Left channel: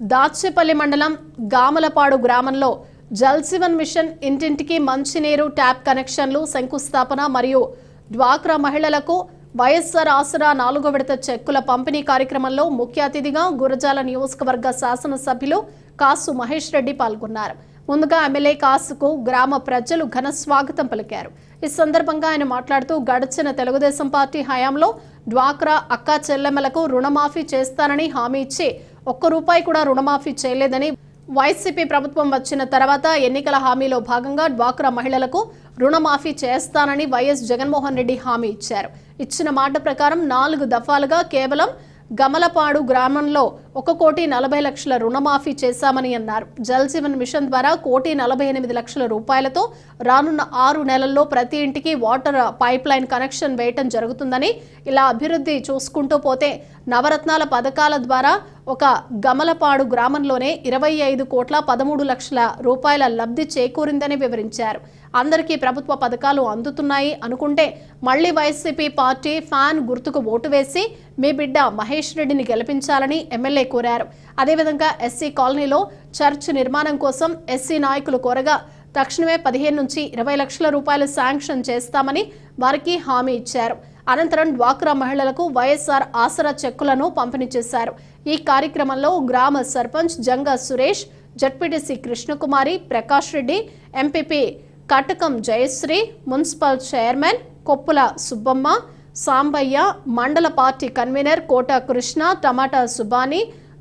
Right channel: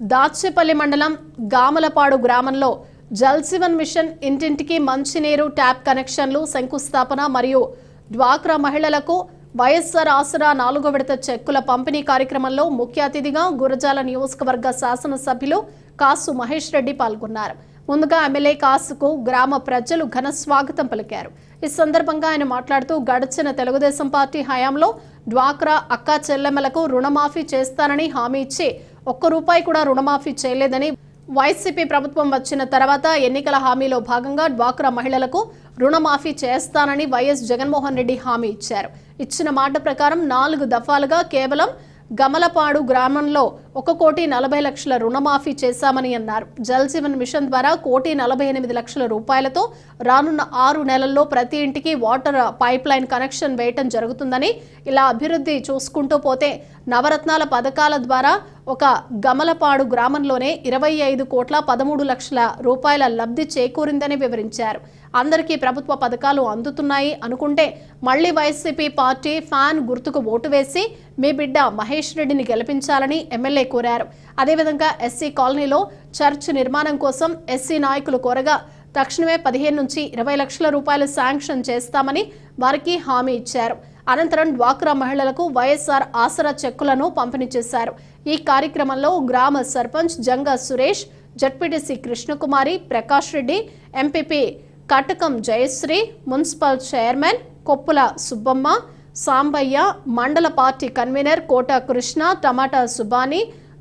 దాచేపల్లి మండలం గామలపాడు గ్రామంలో జల్ జీవన్ మిషన్ ఇంటింటికి మంచినీరు ట్యాప్ కనెక్షన్లు శంకుస్థాపన మరియు డ్వాక్రా మహిళలకు వైఎస్ఆర్ ఆసరా 4వ విడత చెక్కుల పంపిణీ కార్యక్రమంలో ముఖ్య అతిథిగా గురజాల నియోజకవర్గ శాసనసభ్యులు కాసు మహేష్ రెడ్డి పాల్గొన్నారు. ముందుగా ఎమ్మెల్యే కాసుకు గ్రామ ప్రజలు ఘన స్వాగతం పలికారు. ఈ సందర్భంగా ఆయన మాట్లాడుతూ గడిచిన తెలుగుదేశం పార్టీ హయాంలో డ్వాక్రా అక్కా చెల్లెమ్మలకు రుణమాఫీ చేస్తానని హామీ ఇచ్చి ₹1 కూడా రుణమాఫీ చేయలేదని, వైసీపీ ప్రభుత్వం వచ్చిన తర్వాత ఎన్నికల హామీలో భాగంగా డ్వాక్రా మహిళలకు రుణమాఫీ చేస్తానని వైఎస్ జగన్మోహన్ రెడ్డి హామీ ఇచ్చారు. ఇచ్చిన మాట ప్రకారం 4 దఫాలుగా కేవలం గమలపాడు గ్రామంలో ₹1,40,00,000 రుణమాఫీ చేశామని అన్నారు. జల్ జీవన్ మిషన్ ద్వారా ₹1,48,00,000 రానున్న 6 నెలల్లో ప్రతి ఇంటికి వాటర్ పైప్ లైన్ కనెక్షన్ వేయటం జరుగుతుందని, ఇలా అభివృద్ధి చూసుకుంటూ పోతే నవరత్నాల పథకాల ద్వారా ఒక గమలపాడు గ్రామంలోనే ₹25,13,00,000 లబ్ధి చేకూరిందని వివరించారు. అందరికీ ప్రభుత్వ పథకాలు అందుతున్నాయి అనుకుంటే మళ్లీ వైసీపీ పార్టీ ఫ్యాన్ గుర్తుకు ఓటు వేసి మీ బిడ్డ మహేష్ రెడ్డిని గెలిపించాలని ఎమ్మెల్యే కోరారు. అదేవిధంగా ఎస్సీ కాలనీలో చర్చ్ నిర్మాణం కోసం ఎస్సీ నాయకులు కోరగా తక్షణమే 15 నుంచి 20 లక్షల రూపాయలు శాంక్షన్ చేస్తామని వారికి హామీ ఇచ్చారు. అనంతరం డ్వాక్రా మహిళలకు వైఎస్ఆర్ ఆసరా చెక్కులను పంపిణీ చేశారు. ఈ కార్యక్రమంలో గ్రామ సర్పంచ్ జంగా సురేష్, జడ్పీటీసీ కృష్ణకుమారి, ప్రకాష్ రెడ్డి, ఎంపీపీ కటకం జయశ్రీ, మున్సిపల్ చైర్మన్ కొప్పుల సుబ్బమ్మ, సాంబయ్య, మండల పార్టీ కన్వీనర్ కోట కృష్ణ, టమాటా సుబాని,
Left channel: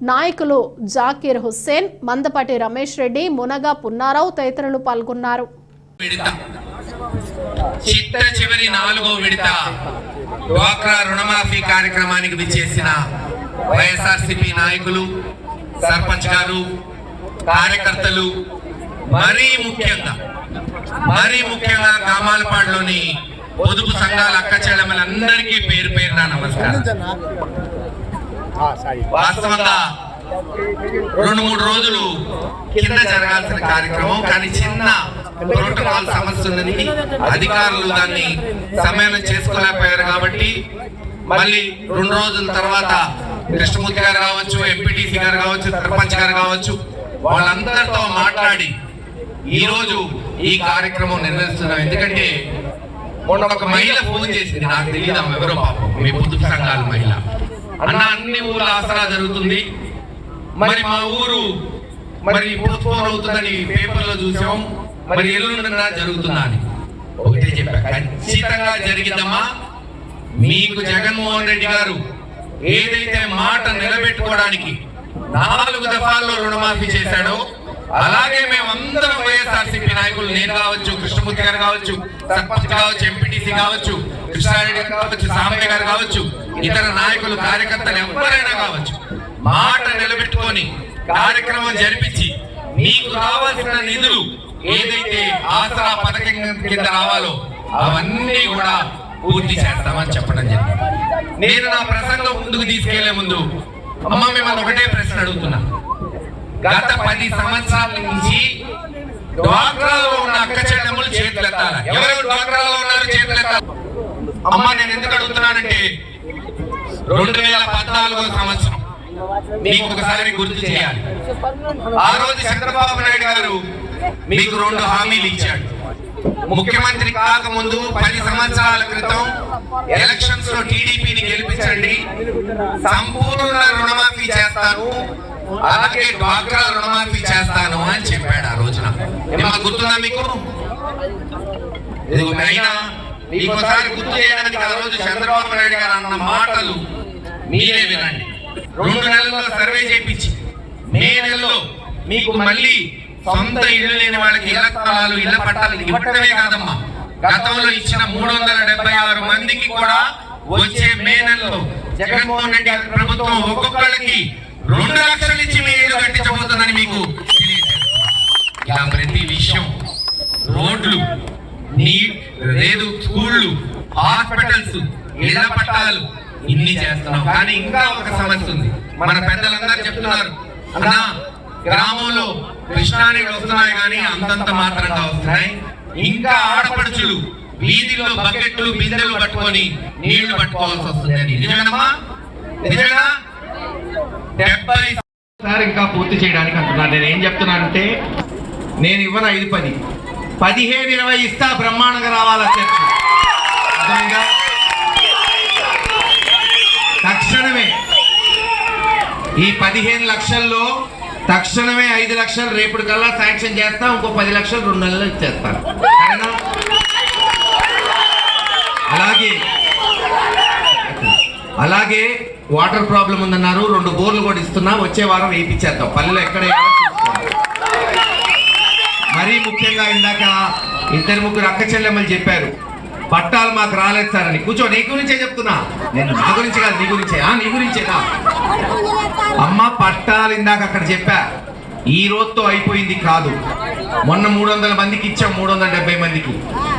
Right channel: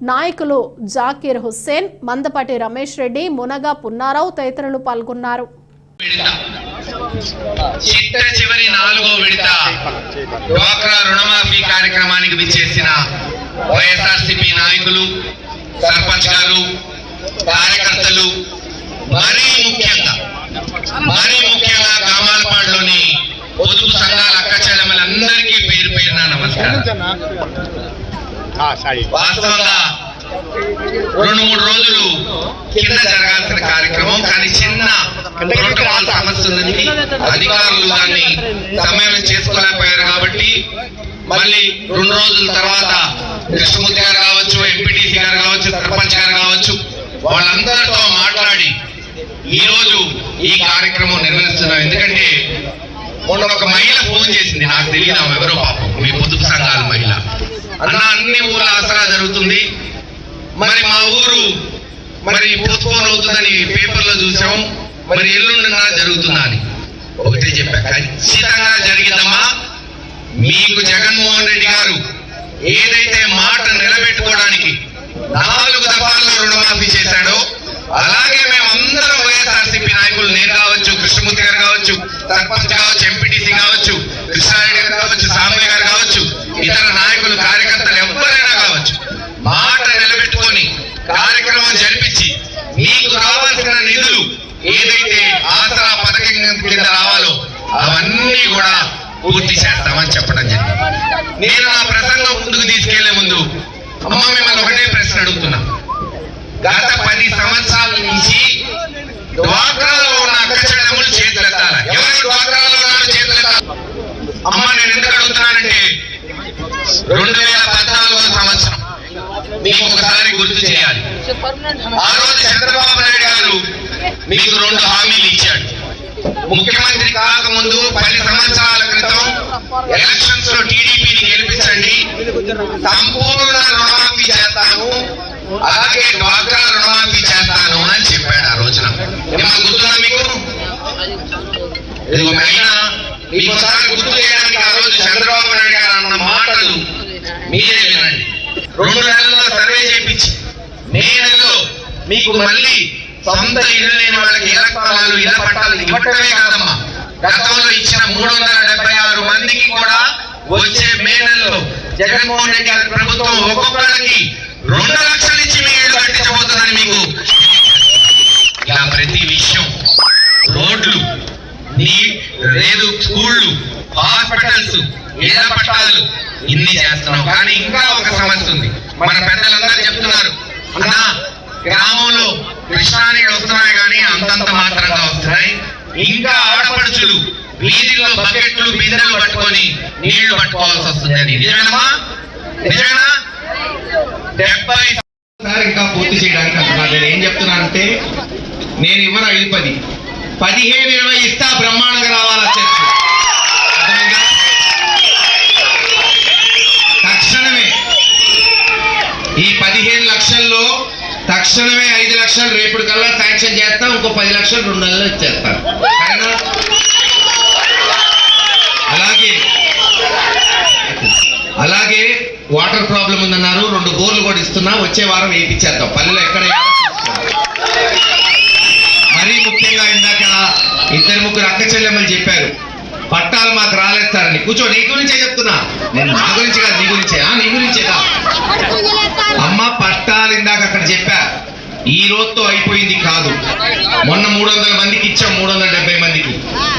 నాయకులు జాకీర్ హుస్సేన్, మందపాటి రమేష్ రెడ్డి, మునగా పున్నారావు తదితరులు పాల్గొన్నారు. చివరి 4వ విడత డ్వాక్రా రుణమాఫీ కార్యక్రమానికి విచ్చేసిన వైఎస్ఆర్సీపీ నాయకులు, సర్పంచ్ గారు, కార్యకర్తలు, మరీ ముఖ్యంగా గామాలపాడులోని పొదుపు సంఘాల అక్క చెల్లెమ్మలందరికీ పేరు పేరున నమస్కారం. వాస్తవంగా 2-3 రోజులు కింద జరగాల్సిన కార్యక్రమం, కానీ చిన్న ప్రోటోకాల్ సమస్య ఉన్నది. అధికారులు దాన్ని సమయం చేసుకోలేకపోయారు కాబట్టి మళ్ళీ 2 రోజుల తర్వాత కృష్ణమూర్తి గారు కావచ్చు, ఎంపీటీసీ గారు కావచ్చు, సర్పంచ్ గారు కావచ్చు, వాళ్ళందరితో మాట్లాడి ఈ రోజు ఈ కార్యక్రమం నిర్వహిస్తున్నాం. ఎందుకంటే మొన్న ఒక మహిళ ఫోన్ చేసింది, నాకు తెలియదు ఆమె ఎవరో, పాపం మీ పొదుపు సంఘాల మహిళ. అన్న అన్ని ఊళ్ళ ఆసరా జరుగుతుంది, మరి మా ఊరు పోస్ట్పోన్ అవుతుందని పేపర్లో చూసాం, మరి ఎల్లుండినా జరుగుతుందా అని ఒకటే చెప్పా. ఖచ్చితంగా జరిగిద్దమ్మా. మీకు జగన్మోహన్ రెడ్డి గారు ఏదైతే మాట నిలబెట్టుకోవడానికి 4 దఫాల్లో రుణమాఫీ చేశాడో, అలాగే మేమందరం వైఎస్ఆర్సీపీ నాయకులు, నేను కావచ్చు, కృష్ణమూర్తి గారు కావచ్చు, సర్పంచ్ కావచ్చు, ఎంపీటీసీ కావచ్చు, కృష్ణారెడ్డి గారు కావచ్చు, సాంబయ్య గారు కావచ్చు, ఇతర నాయకులు, కార్యకర్తలు ఎవరైనా కావచ్చు, మాట నిలబెట్టుకొని కార్యక్రమం జరిపించి మీకు కావాల్సిన నిధులు ఏదైతే ఆసరా పథకం కింద రావాలో అవన్నీ కూడా పూర్తి చేస్తామని చెప్పడం జరిగింది. నేను నా ప్రసంగం ముందుకు తీసుకెళ్లే ముందు అమ్మ మిమ్మల్ని ఒకటే ప్రశ్న అడుగుతున్నా. గత 10 సంవత్సరాల నుంచి డ్వాక్రాలో ఉన్న అక్క చెల్లెమ్మలు చేతులెత్తాలి. ఎవరు డ్వాక్రాలో ఉన్నారు చేతులెత్తాలి. అమ్మ నేను ఎందుకు అడుగుతున్నానంటే 2014వ సంవత్సరం మీకు ఒకసారి గుర్తు చేయాలి. ఆ రోజు చంద్రబాబు నాయుడు గారు మీకు 2 హామీలు ఇచ్చాడు. ముఖ్యమంత్రి కాకముందు 10 సంవత్సరాల క్రితం ఎలక్షన్స్ లో టీడీపీని గెలిపించండి, సంపూర్ణ రుణమాఫీ చేస్తాను, అలాగే డ్వాక్రా రుణమాఫీ చేస్తాను అని చెప్పాడు ఆ రోజున. ఏమన్నా గుర్తుందా మీకు? మీకు ఒకసారి గుర్తు చేయడానికి ఆ రోజు చంద్రబాబు నాయుడు గారు అన్న మాటలు మీరే వినండి. 2 నెలల్లో సర్వే చేయించి మే నెలలో మీకు మళ్ళీ సొంత ఇల్లు లేని వాళ్ళకి ఇళ్ల స్థలాలు, ఇళ్ల పట్టాలు ఇవ్వటమే కాదమ్మా, గతంలో ఇచ్చిన 376 మందికి కూడా వచ్చే మే నెలలో జగన్మోహన్ రెడ్డి గారి ప్రభుత్వం ఒక్కొక్కరికి 2 లక్షలు ఇచ్చి మీ ఇల్లు కట్టించబోతుందని మీకు. ఇలా ప్రతి విషయం, రోడ్లు, రేలు, స్కూళ్ళు, హాస్పిటల్స్, ఇళ్ల పట్టాలు ఇన్ని చేస్తున్నాం. కానీ ఇంకా ఒక సమస్య ఉంది. మన పెద్దలందరూ చెప్తున్నారు, అన్నా గ్రామంలో కృష్ణాని వస్తున్నాయి కానీ అంతంత మాత్రంగా వస్తున్నాయి, ఇంకా ఆడపడుచులు వీధిలో బకెట్లు, బిందెలు పట్టుకొని నీళ్లు పట్టుకోవాల్సి వస్తుందని. నిజమా? 70 ఇంకా పూర్తి చేయడానికి అంటున్నాను. నేను ఏం చెప్తున్నానంటే నేను ఇవ్వను 5-10, 15-20 ఇస్తా, బ్రహ్మాండంగా రావాల చర్చ. అర్థమైందా? తక్షణమే ఈ 15 లక్షల్లో తక్షణమే 5 లక్షలు రేపటి కల్లా శాంక్షన్ చేస్తాం, ఇంకో 10 లక్షలు 2 నెలల్లో ఇచ్చేస్తాను. అలాగే వాటర్ ప్రాబ్లం ఉందన్నారు, 2 బోర్లు కూడా ఇస్తున్నా, వచ్చే వారం వేయించేద్దాం. పల్లెలు ఎక్కడ మరీ ముఖ్యంగా ఇందాక 2-3 అక్క చెల్లెమ్మలు చెప్పారు పట్టాలు మాకు రాలేదు సార్ అని. కూర్చో, నీ గురించే చెప్తున్నా, నేను నా గురించి కాదు, నీ గురించే. నీ గురించేదా అమ్మ? పట్టాలు ఇందాక అక్కడ చెప్పా, ఈ రోజుతో అయిపోయింది కాదు. మొన్న 300 మందికి ఇచ్చాం, 370 మందికి,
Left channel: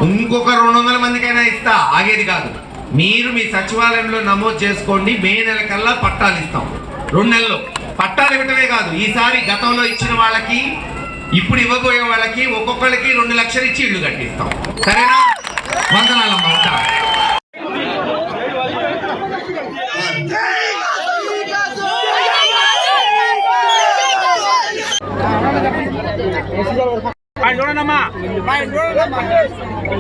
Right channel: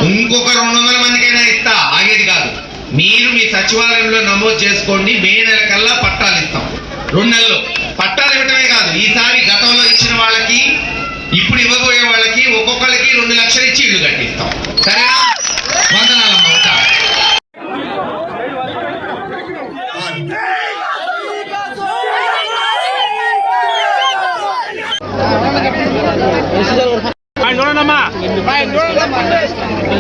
ఇంకొక 200 మందికైనా ఇస్తా, ఆగేది కాదు. మీరు మీ సచివాలయంలో నమోదు చేసుకోండి, మే నెల కల్లా పట్టాలు ఇస్తాం. 2 నెలల్లో పట్టాలు ఇవ్వటమే కాదు, ఈసారి గతంలో ఇచ్చిన వాళ్ళకి ఇప్పుడు ఇవ్వబోయే వాళ్ళకి ఒక్కొక్కరికి 2 లక్షలు ఇచ్చి ఇల్లు కట్టిస్తాం. సరేనా? వందనాలమ్మ. చూడండి